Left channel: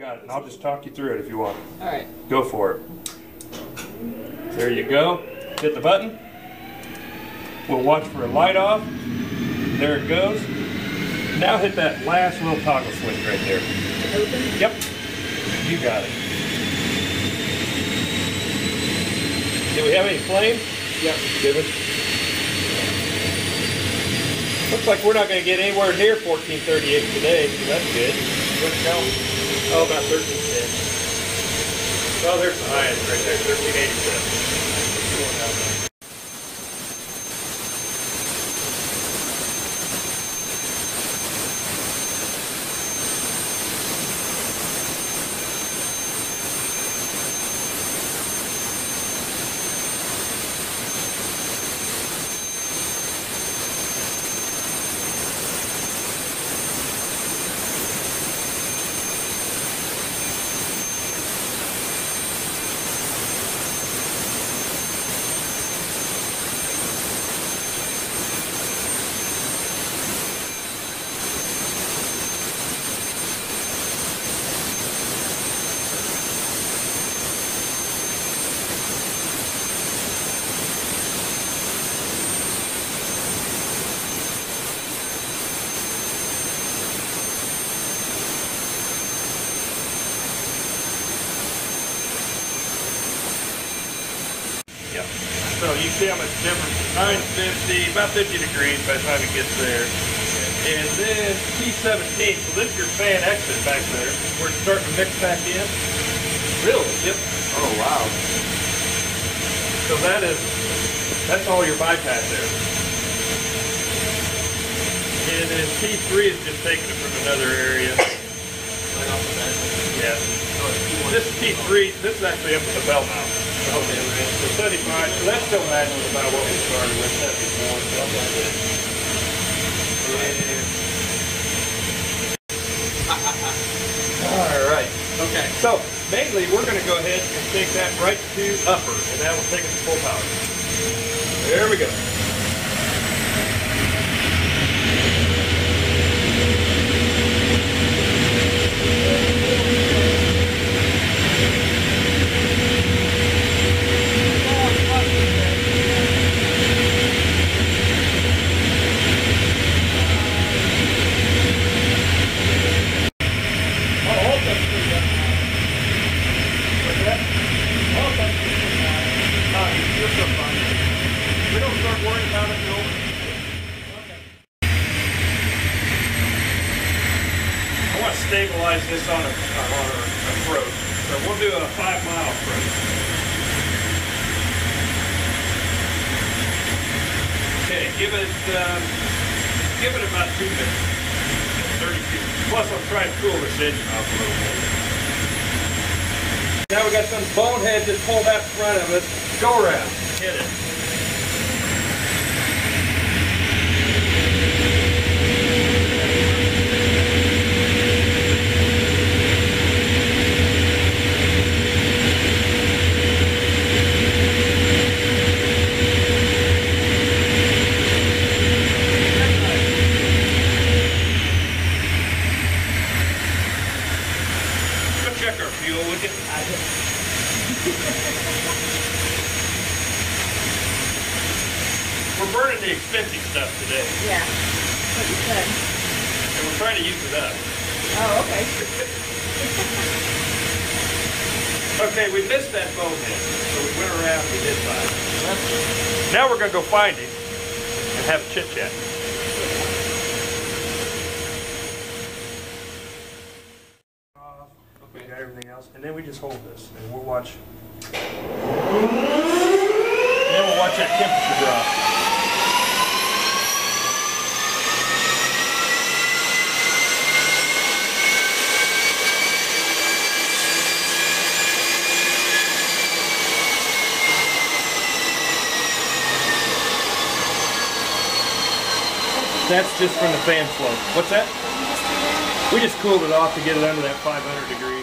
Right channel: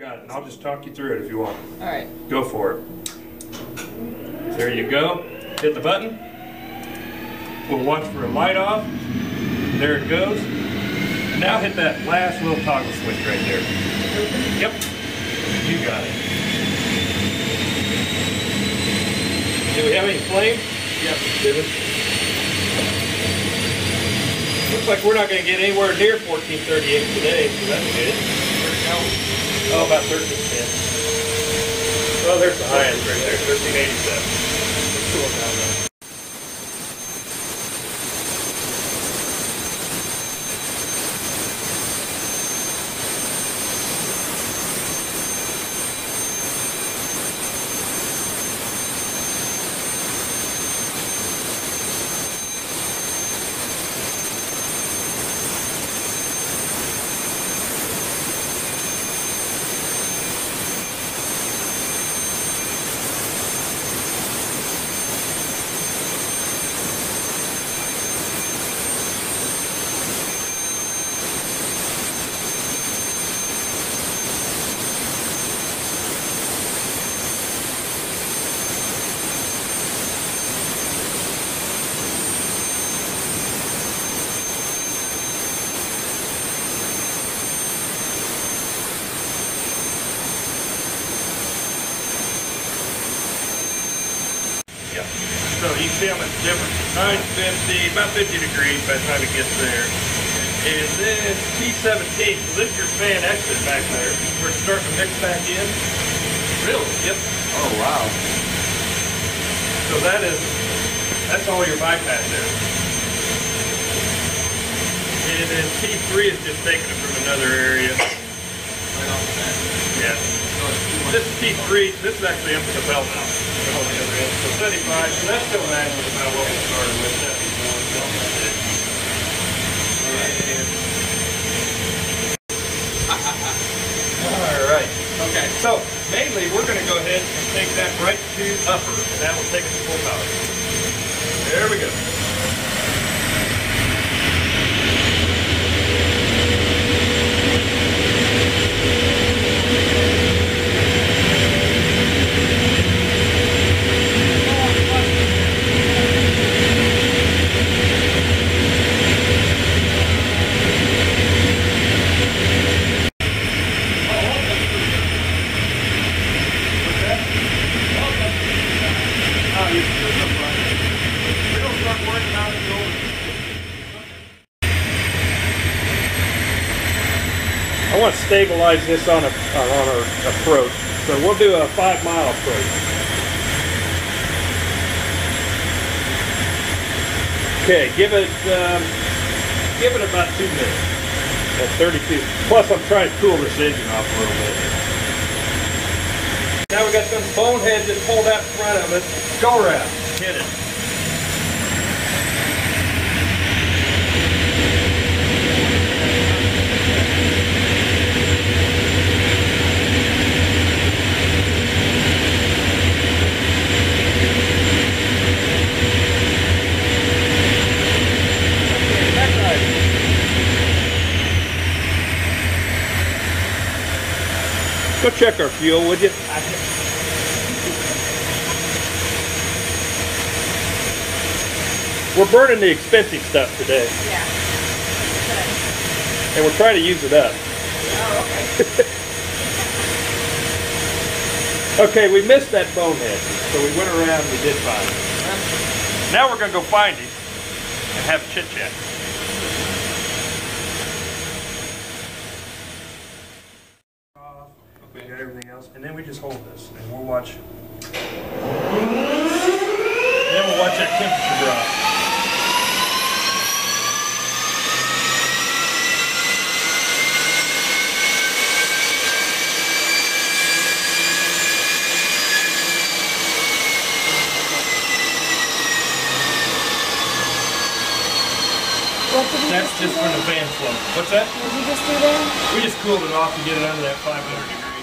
got it, and I'll just talk you through it if you want. All right. Go for it. There you go. Hit the button. We'll watch for a light off. There it goes. Now hit that last little toggle switch right there. Yep. You got it. Do we have any flame? Yep. Did it? Looks like we're not going to get anywhere near 1438 today, so that's good. Where's now? Oh, about 1310. Well, there's the highest right there, 1387. Yeah. So you see how much difference? 950, about 50 degrees by the time it gets there. And then T17, so this is your fan exit back there. We're starting to mix back in. Really? Yep. Oh, wow. So that's all your bypass there. And then T3 is just taking it from another area. Yeah. This is T3, this is actually up at the bell mouth. So 75, so that's still matching about what we started with, 74. Alright. Okay. So, mainly we're going to go ahead and take that right to upper, and that will take us to full power. There we go. I want to stabilize this on our approach, so we'll do a 5-mile approach. Okay, give it about 2 minutes at 32. Plus, I'm trying to cool this engine off a little bit. Now we got some boneheads that pulled out front of it. Go around, hit it. Go check our fuel, would you? We're burning the expensive stuff today. Yeah. And we're trying to use it up. Oh, okay. Okay, we missed that bonehead, so we went around and we did find it. Now we're going to go find him and have a chit-chat. We got everything else, and then we just hold this, and we'll watch. Then we'll watch that temperature drop. That's just from the fan flow. What's that? What did you just do there? We just cooled it off to get it under that 500 degrees.